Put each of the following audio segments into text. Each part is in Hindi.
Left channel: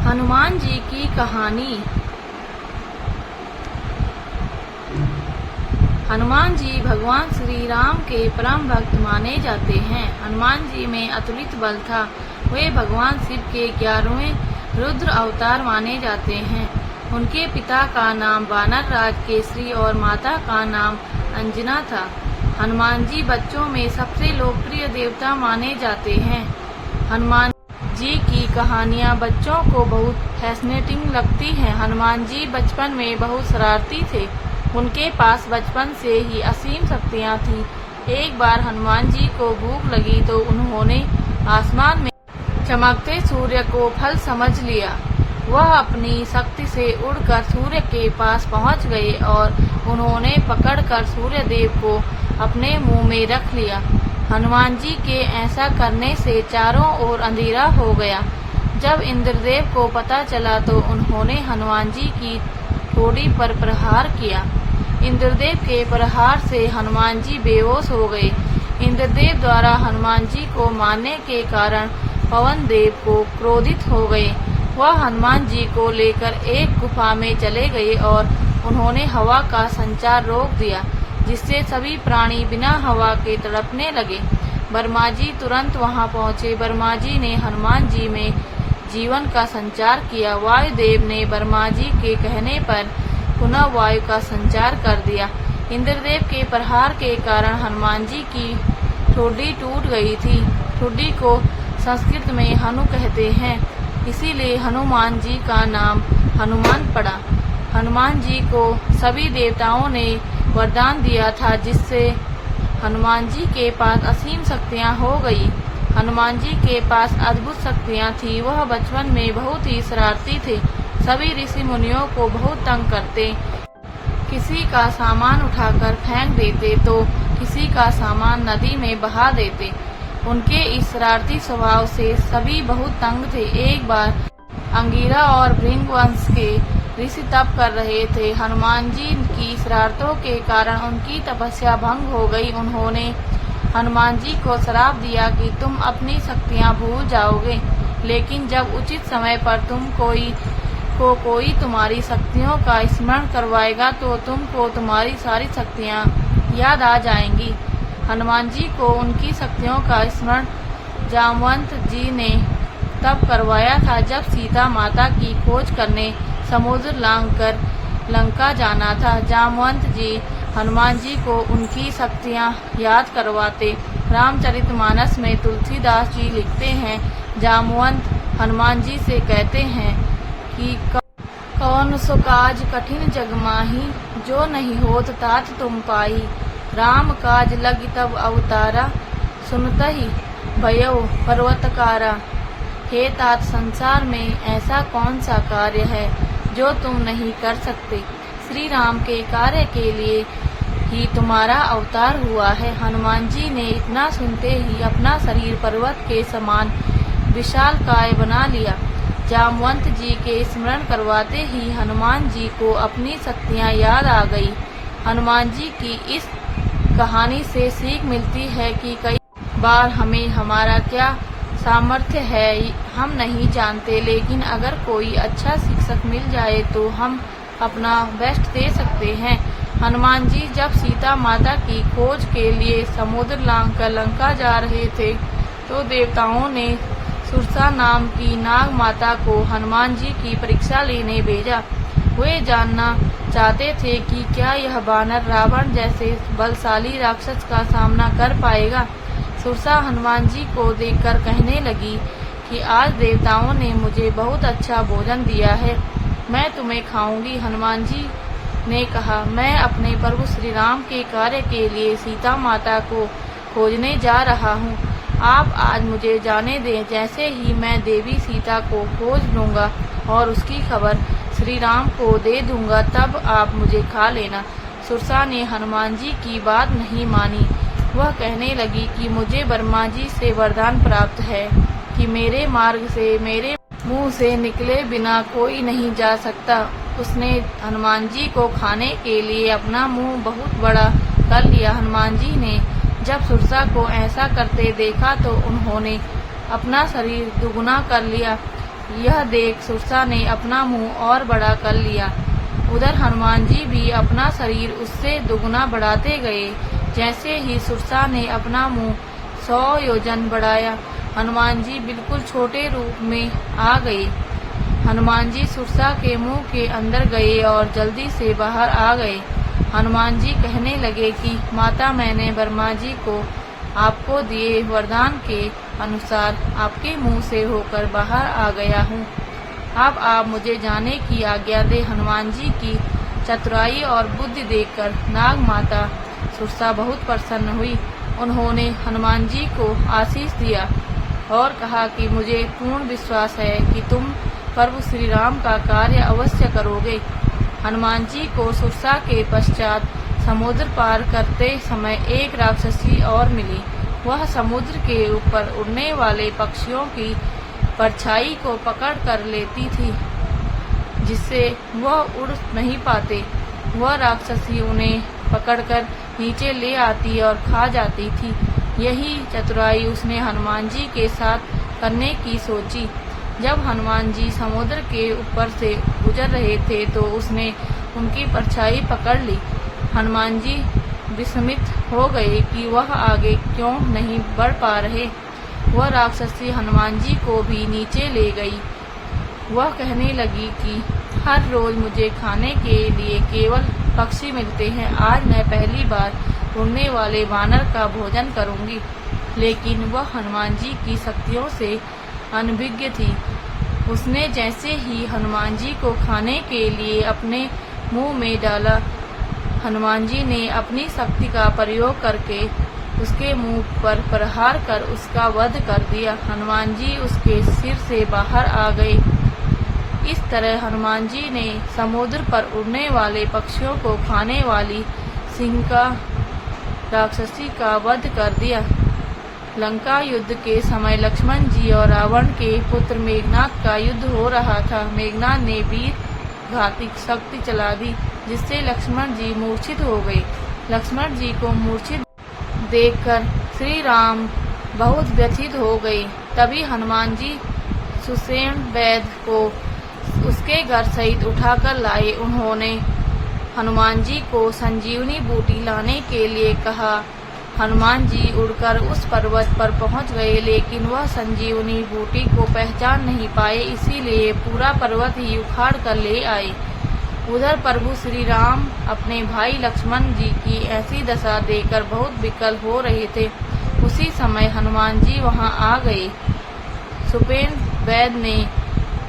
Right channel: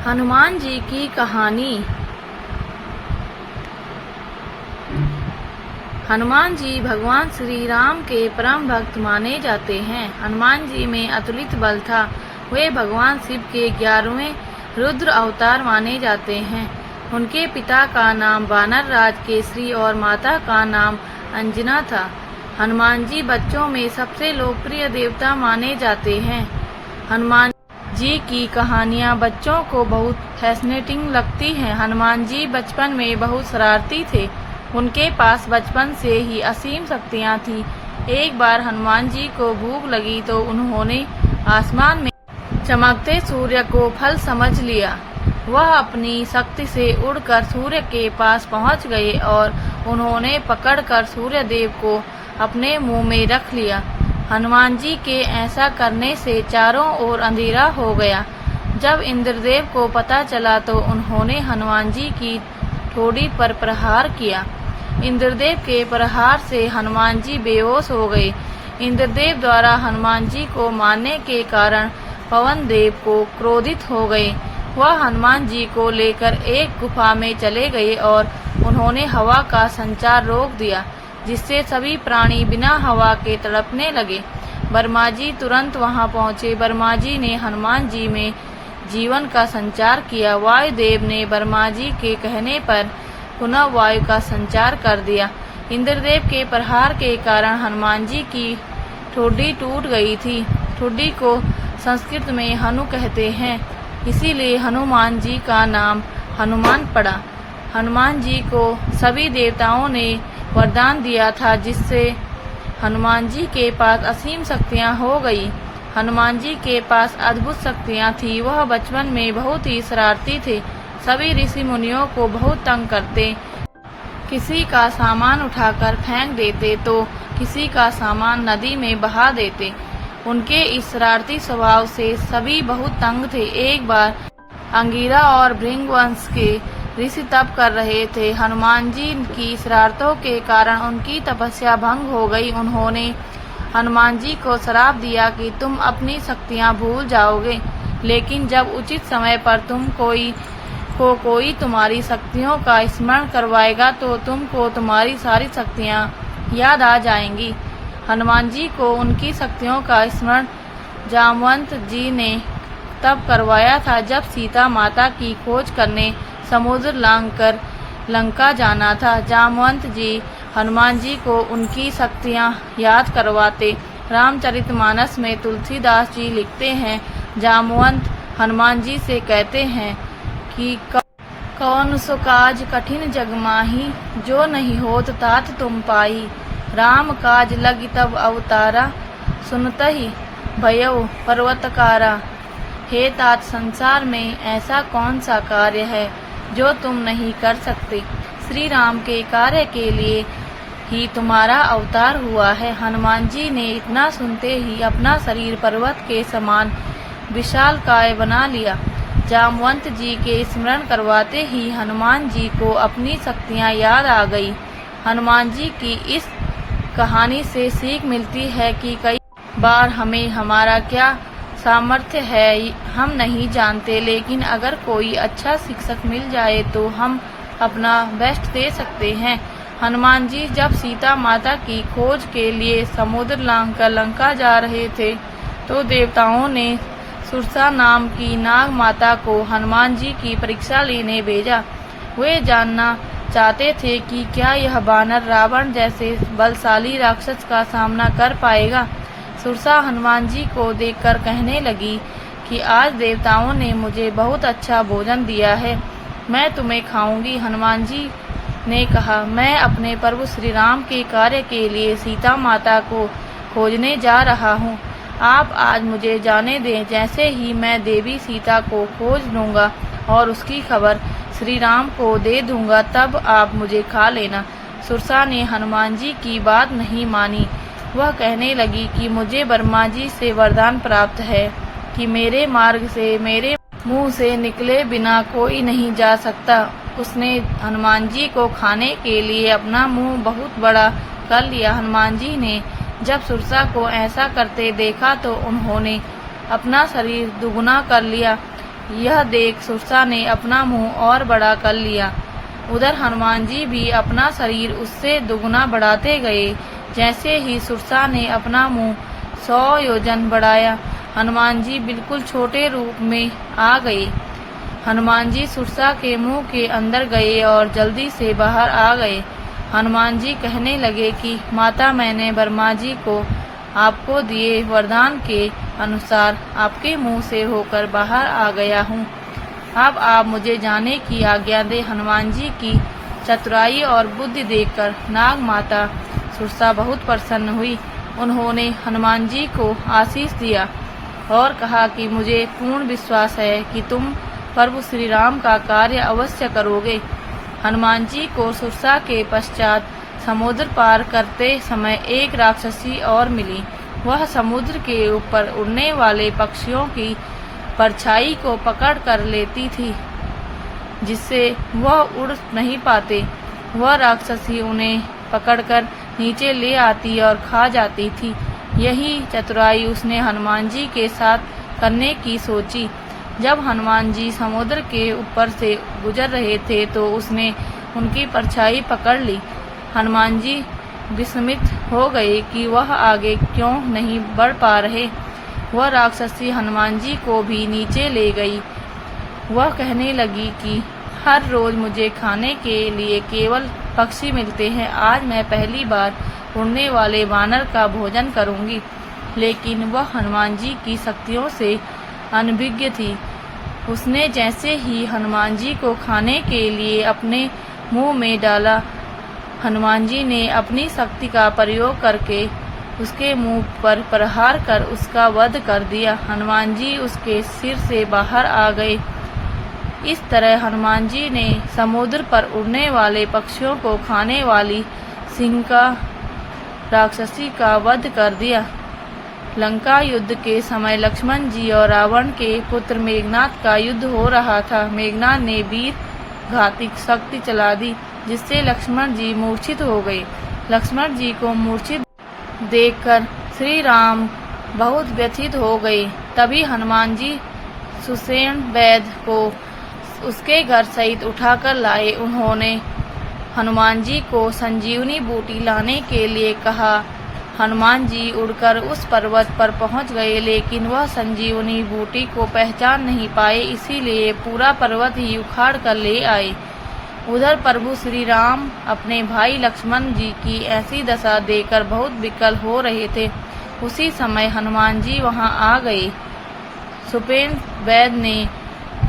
हनुमान जी की कहानी। हनुमान जी भगवान श्री राम के परम भक्त माने जाते हैं। हनुमान जी में अतुलित बल था। वे भगवान शिव के 11वें रुद्र अवतार माने जाते हैं। उनके पिता का नाम वानर राज केसरी और माता का नाम अंजना था। हनुमान जी बच्चों में सबसे लोकप्रिय देवता माने जाते हैं। हनुमान जी की कहानियाँ बच्चों को बहुत फैसिनेटिंग लगती हैं। हनुमान जी बचपन में बहुत शरारती थे। उनके पास बचपन से ही असीम शक्तियाँ थीं। एक बार हनुमान जी को भूख लगी तो उन्होंने आसमान में चमकते सूर्य को फल समझ लिया। वह अपनी शक्ति से उड़कर सूर्य के पास पहुंच गए और उन्होंने पकड़कर सूर्य देव को अपने मुंह में रख लिया। हनुमान जी के ऐसा करने से चारों ओर अंधेरा हो गया। जब इंद्रदेव को पता चला तो उन्होंने हनुमान जी की ठोड़ी पर प्रहार किया। इंद्रदेव के प्रहार से हनुमान जी बेहोश हो गए। इंद्रदेव द्वारा हनुमान जी को मारने के कारण पवन देव को क्रोधित हो गए। वह हनुमान जी को लेकर एक गुफा में चले गए और उन्होंने हवा का संचार रोक दिया, जिससे सभी प्राणी बिना हवा के तड़पने लगे। ब्रह्मा जी तुरंत वहां पहुंचे। ब्रह्मा जी ने हनुमान जी में जीवन का संचार किया। वायुदेव ने ब्रह्मा जी के कहने पर पुनः वायु का संचार कर दिया। इंद्रदेव के प्रहार के कारण हनुमान जी की ठोड़ी टूट गई थी। ठोड़ी को संस्कृत में हनु कहते हैं, इसीलिए हनुमान जी का नाम हनुमान पड़ा। हनुमान जी को सभी देवताओं ने वरदान दिया था, जिससे हनुमान जी के पास असीम शक्तियां हो गई। हनुमान जी के पास अद्भुत शक्तियां थी। वह बचपन में बहुत ही शरारती थे। सभी ऋषि मुनियों को बहुत तंग करते। किसी का सामान उठाकर फेंक देते तो किसी का सामान नदी में बहा देते। उनके इस शरारती स्वभाव से सभी बहुत तंग थे। एक बार अंगिरा और भृंगवंश के ऋषि तप कर रहे थे। हनुमान जी की शरारतों के कारण उनकी तपस्या भंग हो गई। उन्होंने हनुमान जी को श्राप दिया कि तुम अपनी शक्तियां भूल जाओगे, लेकिन जब उचित समय पर कोई तुम्हारी शक्तियों का स्मरण करवाएगा तो तुमको तुम्हारी सारी शक्तियां याद आ जाएंगी। हनुमान जी को उनकी शक्तियों का स्मरण जामवंत जी ने तब करवाया था, जब सीता माता की खोज करने समुद्र लांघकर लंका जाना था। जामवंत जी हनुमान जी को उनकी शक्तियां याद करवाते। रामचरितमानस में तुलसीदास जी लिखते हैं, जामवंत हनुमान जी से कहते हैं कि कौन सो काज कठिन जग माही, जो नहीं होत तात तुम पाई। राम काज लगी तब अवतारा, सुनतहि भयउ पर्वतकारा। हे तात, संसार में ऐसा कौन सा कार्य है जो तुम नहीं कर सकते। श्री राम के कार्य के लिए ही तुम्हारा अवतार हुआ है। हनुमान जी ने इतना सुनते ही अपना शरीर पर्वत के समान विशालकाय बना लिया। जामवंत जी के स्मरण करवाते ही हनुमान जी को अपनी शक्तियां याद आ गई। हनुमान जी की इस कहानी से सीख मिलती है कि कई बार हमें हमारा क्या सामर्थ्य है हम नहीं जानते, लेकिन अगर कोई अच्छा शिक्षक मिल जाए तो हम अपना बेस्ट दे सकते हैं। हनुमान जी जब सीता माता की खोज के लिए समुद्र लांघकर लंका जा रहे थे तो देवताओं ने सुरसा नाम की नाग माता को हनुमान जी की परीक्षा लेने भेजा। वे जानना चाहते थे कि क्या यह बानर रावण जैसे बलशाली राक्षस का सामना कर पाएगा। सुरसा हनुमान जी को देखकर कहने लगी कि आज देवताओं ने मुझे बहुत अच्छा भोजन दिया है, मैं तुम्हें खाऊंगी। हनुमान जी ने कहा, मैं अपने प्रभु श्री राम के कार्य के लिए सीता माता को खोजने जा रहा हूँ। आप आज मुझे जाने दें। जैसे ही मैं देवी सीता को खोज लूँगा और उसकी खबर श्री राम को दे दूंगा, तब आप मुझे खा लेना। सुरसा ने हनुमान जी की बात नहीं मानी। वह कहने लगी कि मुझे ब्रह्मा जी से वरदान प्राप्त है कि मेरे मार्ग से मेरे मुंह से निकले बिना कोई नहीं जा सकता। उसने हनुमान जी को खाने के लिए अपना मुंह बहुत बड़ा कर लिया। हनुमान जी ने जब सुरसा को ऐसा करते देखा तो उन्होंने अपना शरीर दुगुना कर लिया। यह देख सुरसा ने अपना मुंह और बड़ा कर लिया। उधर हनुमान जी भी अपना शरीर उससे दुगना बढ़ाते गए। जैसे ही सुरसा ने अपना मुंह 100 योजन बढ़ाया, हनुमान जी बिल्कुल छोटे रूप में आ गए। हनुमान जी सुरसा के मुंह के अंदर गए और जल्दी से बाहर आ गए। हनुमान जी कहने लगे कि माता, मैंने ब्रह्मा जी को आपको दिए वरदान के अनुसार आपके मुंह से होकर बाहर आ गया हूँ। अब आप मुझे जाने की आज्ञा दे। हनुमान जी की चतुराई और बुद्धि देखकर नाग माता सुरसा बहुत प्रसन्न हुई। उन्होंने हनुमान जी को आशीष दिया और कहा कि मुझे पूर्ण विश्वास है कि तुम प्रभु श्री राम का कार्य अवश्य करोगे। हनुमान जी को सुरसा के पश्चात समुद्र पार करते समय एक राक्षसी और मिली। वह समुद्र के ऊपर उड़ने वाले पक्षियों की परछाई को पकड़ कर लेती थी, जिससे वह उड़ नहीं पाते। वह राक्षसी उन्हें पकड़कर नीचे ले आती और खा जाती थी। यही चतुराई उसने हनुमान जी के साथ करने की सोची। जब हनुमान जी समुद्र के ऊपर से गुजर रहे थे तो उसने उनकी परछाई पकड़ ली। हनुमान जी विस्मित हो गए कि वह आगे क्यों नहीं बढ़ पा रहे। वह राक्षसी हनुमान जी को भी नीचे ले गई। वह कहने लगी कि हर रोज मुझे खाने के लिए केवल पक्षी मिलते हैं। आज मैं पहली बार उड़ने वाले वानर का भोजन करूंगी। लेकिन वह हनुमान जी की शक्तियों से अनभिज्ञ थी। उसने जैसे ही हनुमान जी को खाने के लिए अपने मुंह में डाला, हनुमान जी ने अपनी शक्ति का प्रयोग करके उसके मुंह पर प्रहार कर उसका वध कर दिया। हनुमान जी उसके सिर से बाहर आ गए। इस तरह हनुमान जी ने समुद्र पर उड़ने वाले पक्षियों को खाने वाली सिंका राक्षसी का वध कर दिया। लंका युद्ध के समय लक्ष्मण जी और रावण के पुत्र मेघनाद का युद्ध हो रहा था। मेघनाद ने वीर घातिक शक्ति चला दी, जिससे लक्ष्मण जी मूर्छित हो गए। लक्ष्मण जी को मूर्छित देखकर श्री राम बहुत व्यथित हो गए। तभी हनुमान जी सुषेण वैद्य को उसके घर सहित उठाकर लाए। उन्होंने हनुमान जी को संजीवनी बूटी लाने के लिए कहा। हनुमान जी उड़कर उस पर्वत पर पहुंच गए, लेकिन वह संजीवनी बूटी को पहचान नहीं पाए, इसीलिए पूरा पर्वत ही उखाड़ कर ले आए। उधर प्रभु श्री राम अपने भाई लक्ष्मण जी की ऐसी दशा देखकर बहुत विकल हो रहे थे। उसी समय हनुमान जी वहां आ गए। सुषेण वैद्य ने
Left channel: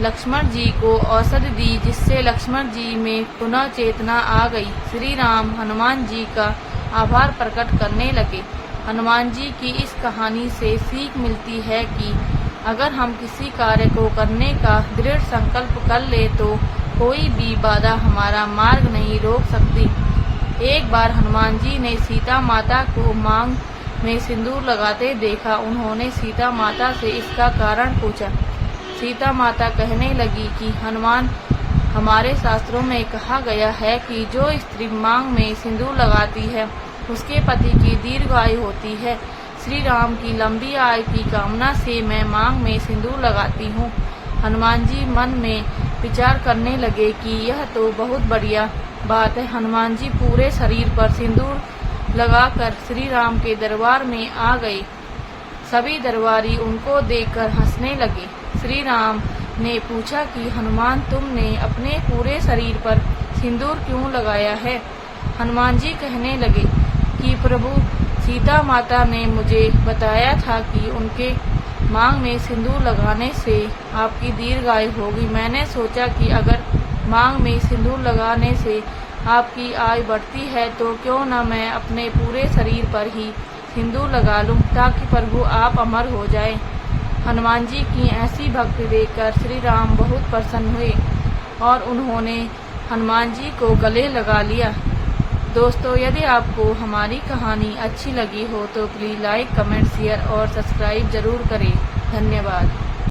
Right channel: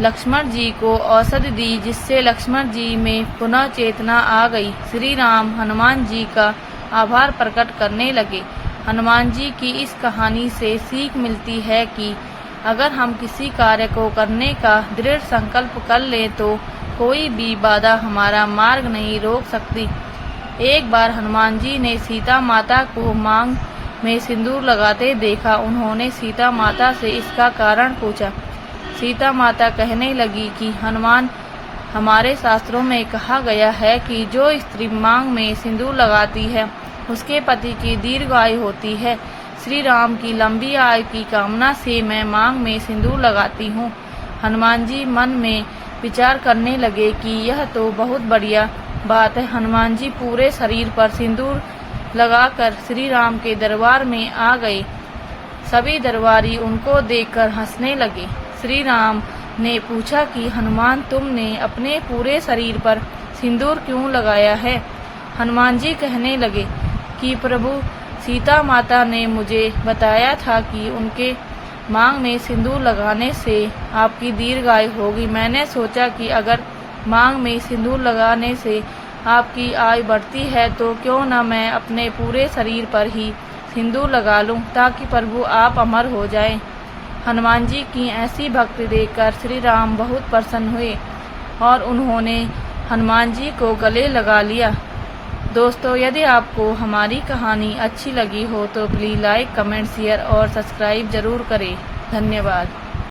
लक्ष्मण जी को औषधि दी, जिससे लक्ष्मण जी में पुनः चेतना आ गई। श्री राम हनुमान जी का आभार प्रकट करने लगे। हनुमान जी की इस कहानी से सीख मिलती है कि अगर हम किसी कार्य को करने का दृढ़ संकल्प कर ले तो कोई भी बाधा हमारा मार्ग नहीं रोक सकती। एक बार हनुमान जी ने सीता माता को मांग में सिंदूर लगाते देखा। उन्होंने सीता माता से इसका कारण पूछा। सीता माता कहने लगी कि हनुमान, हमारे शास्त्रों में कहा गया है कि जो स्त्री मांग में सिंदूर लगाती है उसके पति की दीर्घ आयु होती है। श्री राम की लंबी आयु की कामना से मैं मांग में सिंदूर लगाती हूँ। हनुमान जी मन में विचार करने लगे कि यह तो बहुत बढ़िया बात है। हनुमान जी पूरे शरीर पर सिंदूर लगाकर श्री राम के दरबार में आ गए। सभी दरबारी उनको देखकर हंसने लगे। श्री राम ने पूछा कि हनुमान, तुमने अपने पूरे शरीर पर सिंदूर क्यों लगाया है? हनुमान जी कहने लगे कि प्रभु, सीता माता ने मुझे बताया था कि उनके मांग में सिंदूर लगाने से आपकी दीर्घायु होगी। मैंने सोचा कि अगर मांग में सिंदूर लगाने से आपकी आयु बढ़ती है तो क्यों न मैं अपने पूरे शरीर पर ही सिंदूर लगा लूं, ताकि प्रभु आप अमर हो जाएं। हनुमान जी की ऐसी भक्ति देखकर श्री राम बहुत प्रसन्न हुए और उन्होंने हनुमान जी को गले लगा लिया। दोस्तों, यदि आपको हमारी कहानी अच्छी लगी हो तो प्लीज़ लाइक, कमेंट, शेयर और सब्सक्राइब जरूर करें। धन्यवाद।